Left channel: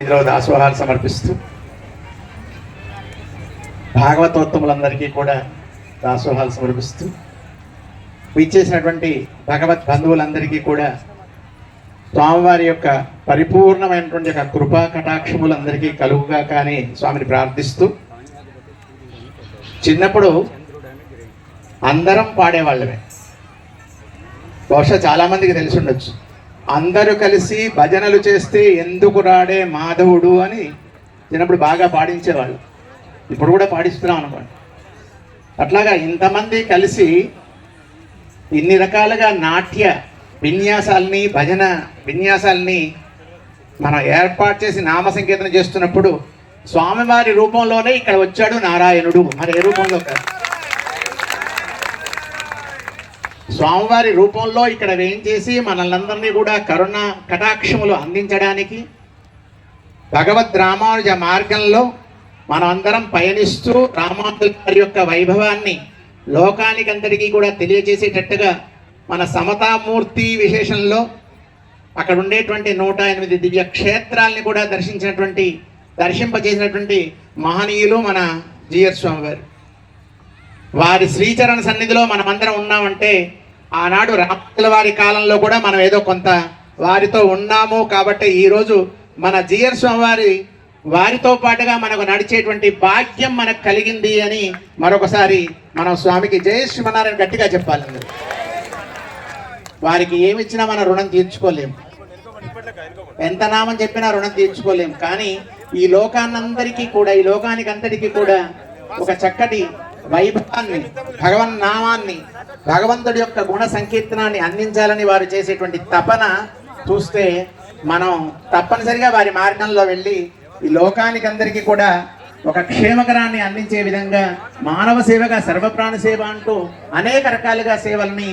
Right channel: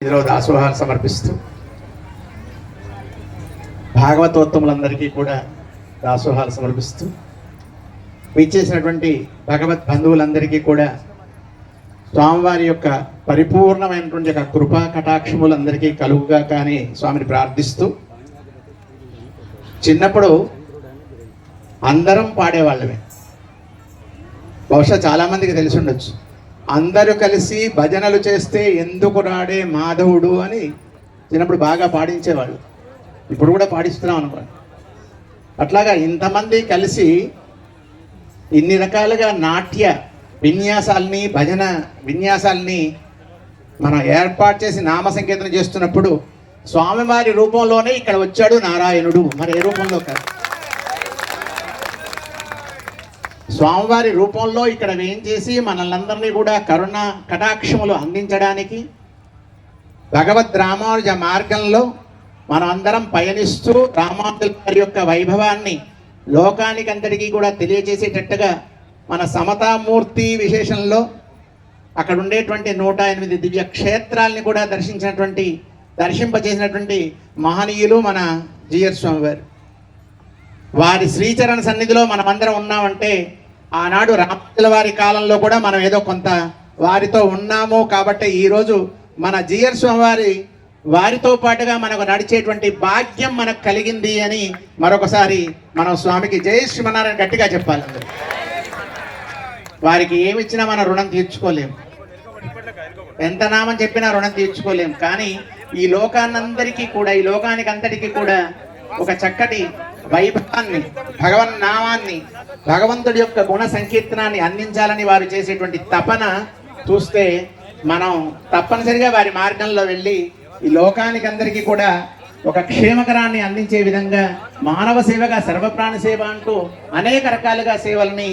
ఇందులో దాసోహాలు సమర్పిస్తూ భాగవతోత్తములందరికీ కూడా దాసోహాలు సమర్పిస్తూ ఇచ్చేసినటువంటి భగవత్ బంధువులందరికీ కూడా స్వామివారి యొక్క పరిపూర్ణమైనటువంటి యొక్క కృపా కటాక్షములందరికీ కలుగుగా కానీ స్వామిని ప్రార్థిస్తూ చిన్నప్పుడు అందరం పాడేవాళ్ళమే. బహుశా చాలా మందికి తెలిసి ఉండొచ్చు. అందరూ కలిసి భజనలు చేస్తే ఎందుకు రాడే మాధవుడు అని చిన్నప్పుడు బాగా పాడించేవాళ్ళు. ఇప్పుడు కూడా పాడిస్తున్నాం అనమాట అట్లాగా ఇంతమంది కలిసి ఇన్ని రకాలుగా నాట్య విన్యాసాలని భజన విన్యాసాలని మనం ఏర్పాటు చేసి నామ సంకీర్తన చేస్తున్నప్పుడు స్వామివారి రూపంలోనే ఇక్కడ వచ్చాడు నారాయణుడు. మరి ఏ రూపంలో కాదు. స్వామివారి రూపంలో ఇక్కడ వేయించేసి మనల్ని కూడా కరుణ కటాక్షములు అందించడానికి భగవద్ రామానుజ మార్గంలో మనమందరం పయనిస్తూ రామానుజుల వారి యొక్క వైభవాన్ని లోకానికంతటికీ కూడా తెలియజేసేటట్టుగా మన సమతామూర్తి విశేషంలో అక్కడ ఉండేటువంటి నూట ఎనిమిది దివ్య క్షేత్రాలని కూడా దర్శించినటువంటి దర్శింపజేసినటువంటి మహనీయులు మన జిఆర్ స్వామి వారు వారి శ్రీచరణ సన్నిధిలో మనమందరం ఉన్నామంటే ఆనాడు రాముల వారి కాలంలో కూడా మనం ఏదో కొంత వారితో ఉన్నాము కాబట్టి ఈరోజు మన జియర్ స్వామివారి వారితో పాటుగా మనకు నడిచేటువంటి భాగ్యం మనకు కలిగింది అని మరొకసారి మనం స్వామికి జయ శ్రీమన్నారాయణ గట్టిగా చెప్పాలి వారికి ఏమి ఇచ్చినా మన రుణం తీర్చుకోలేము. ఎంత నామం చెప్పినా రుణం తీర్చుకోలేం కానీ ఈ లోకాన్నందరికీ కూడా ఈ లోకానికి అంతటికీ కూడా ఒక చక్కటి వైభవాన్ని భగవన్ నామాన్ని భగవంతుడి యొక్క గుణ సంకీర్తనాన్ని అందించాలని వారు చేసేటువంటి తపన చూస్తే మనం తప్పనిసరిగా వారి మార్గంలో వెళ్ళి ఈ లోకానికి అందరికీ కూడా ఒక క్షేమకరాన్ని అందించే విధంగా మానవ సేవగా సర్వప్రాణ సేవ అంటూ అనేక రకాలుగా సేవల్ని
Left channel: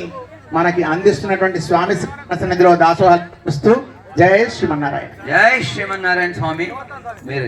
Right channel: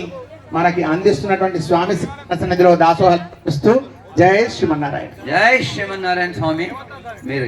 మనకి అందిస్తున్నటువంటి స్వామి సన్నిధిలో దాసోహిస్తూ జై శ్రీమన్నారాయణ. జై శ్రీమన్నారాయణ స్వామి మీరు